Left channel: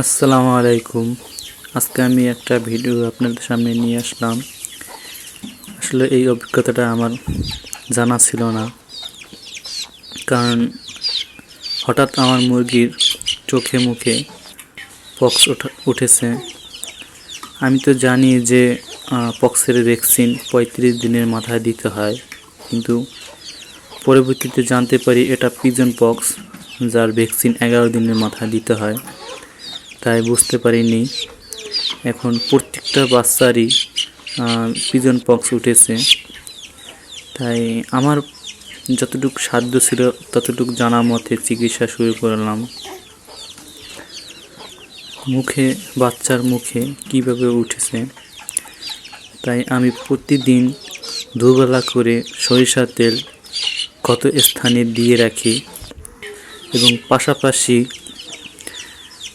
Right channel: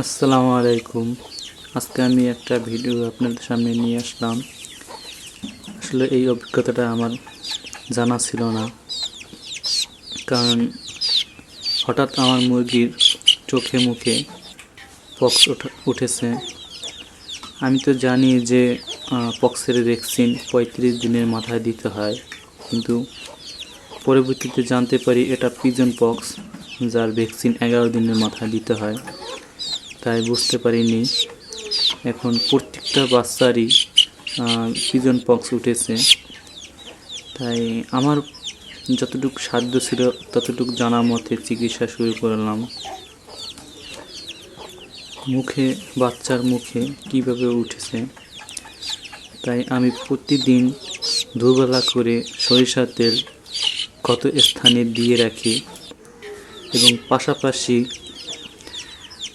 আসসালামু আলাইকুম। আজকে আমি একটা ভিডিও আপনাদের সামনে নিয়ে আসলাম। আসলে এই অভিজ্ঞতাটা আমার জানা ছিল না, কারণ হঠাৎ আমার মুরগির চোখে মুখে পক্স উঠেছে। আমি তো জানি যে পক্সের ভ্যাকসিন 35 দিনের মাথায় দিতে হয়, কিন্তু পরবর্তীতে জানতে পারি এটা পিজন পক্স, যার ভ্যাকসিন 11 দিনের মাথায় দিতে হয়। তাই বুঝতে পারিনি। এখন প্রত্যেকটা বাচ্চারই পিজন পক্স উঠেছে। তাই আমার যতটুকু সাধ্য ছিল ততটুকু জানা মতে চিকিৎসা শুরু করলাম। বাচ্চার মুখে কিভাবে উঠেছে, তাই আমি প্রতিদিন দুবেলা করে সরিষার তেল ক্ষত স্থানে দিয়ে রাখি এবং পাশাপাশি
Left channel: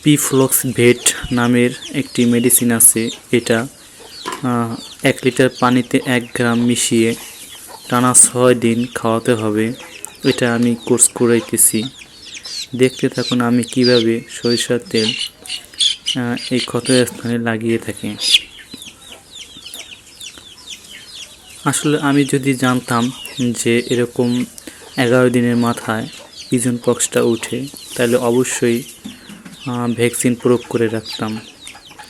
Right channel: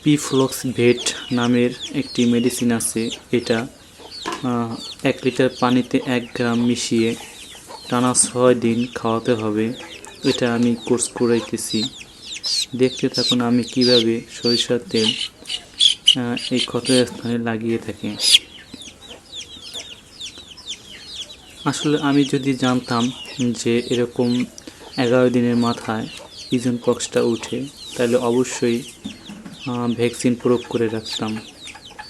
পিফ্লক্স ভেট নামের একটি মেডিসিন আছে। এটা 1 লিটার পানিতে 1 গ্রাম মিশিয়ে টানা 6 দিন খাওয়াতে হবে। এটা আমি কোর্স করাইতেছি। দেখতে থাকুন আমি কিভাবে সরিষার তেল এই ক্ষত স্থানে লাগিয়ে থাকি। আসলে আমি যদি জানতাম যে এরকম 11 দিনের মাথায় পিজন পক্সটা উঠে, তাহলে অবশ্যই ভ্যাকসিন প্রয়োগ করে রাখতাম।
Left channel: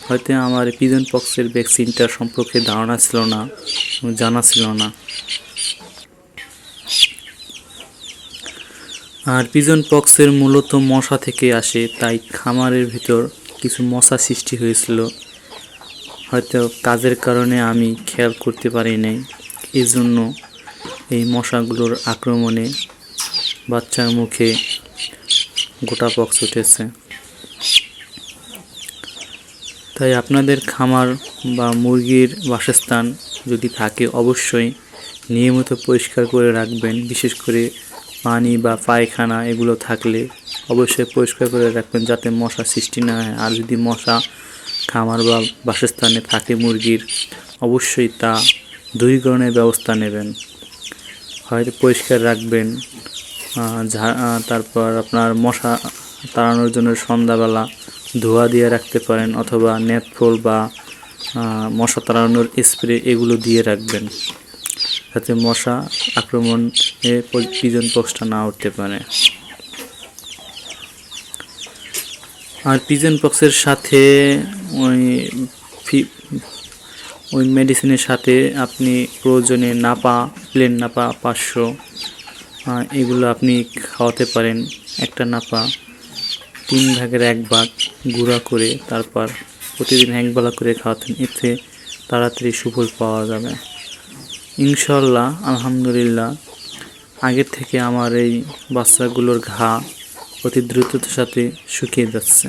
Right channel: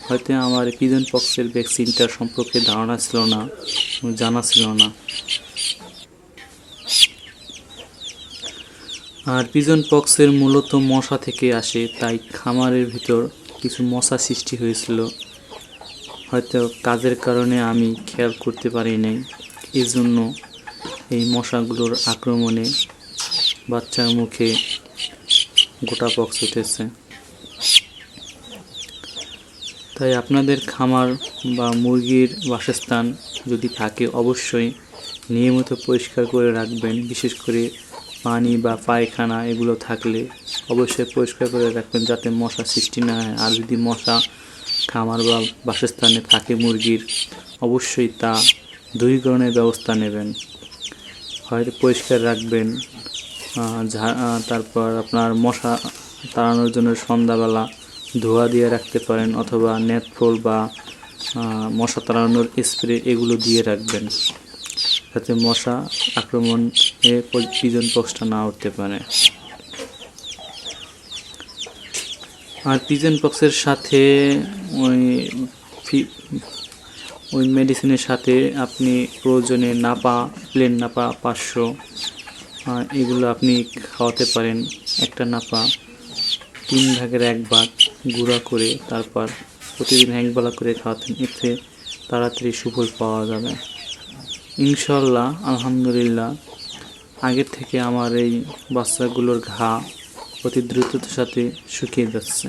হয়তো আমার পিজন পক্সের ভ্যাকসিনটার সম্পর্কে ধারণা ছিল না, জানা ছিল না। আর পিজন পক্সের মূলত মশা থেকে আসে, তাই খামারের ভিতর কিছু মশা সৃষ্টি হয়েছিল। হয়তো কাজের কারণে আমি খেয়াল করতে পারি নাই, এই জন্য এই মশাগুলোর আক্রমণে বাচ্চার মুখে গোটা পক্স উঠেছে। তাই আপনাদের খামার বা মুরগির বাসস্থান যদি থাকে অবশ্যই নিয়মিত পরিষ্কার করে রাখবেন। বিশেষ করে পানি বা পায়খানা এগুলো থাকলে অবশ্যই পরিষ্কার করে রাখবেন, যাতে মশা সৃষ্টি না হয়। আর যদি মশা খামার বা বাসস্থানে থাকে মুরগির, অবশ্যই তা দূরীকরণের ব্যবস্থা নেবেন। হয়তো পরিষ্কার রাখবেন, তারপর আপনার মশা তাড়ানোর জন্য সন্ধ্যাবেলা ধোয়া দিয়ে রাখতে পারেন, অথবা নেটফল বা মশা তাড়ানোর স্প্রে এগুলো দিয়ে রাখবেন, যাতে মশা আক্রমণে পিজন পক্সটা না উঠতে পারে। আর পিজন পক্সের সাথে ওই মেডিসিনের সাথে আপনি প্রয়োজনে প্লেন নাপা 500 এগুলো আপনি খাওয়াতে পারেন। একটা নাপা 3 ভাগের 1 ভাগ গুঁড়া করে তারপর প্রতিদিন 1 বেলা করে খাওয়াতেন, এতে তাড়াতাড়ি সুফল পাওয়া যাবে ইনশাল্লাহ। আলহামদুলিল্লাহ, আগের থেকে আমার এই বাচ্চাগুলোর ঘা অতি দ্রুততার সাথে শুকিয়ে যাচ্ছে।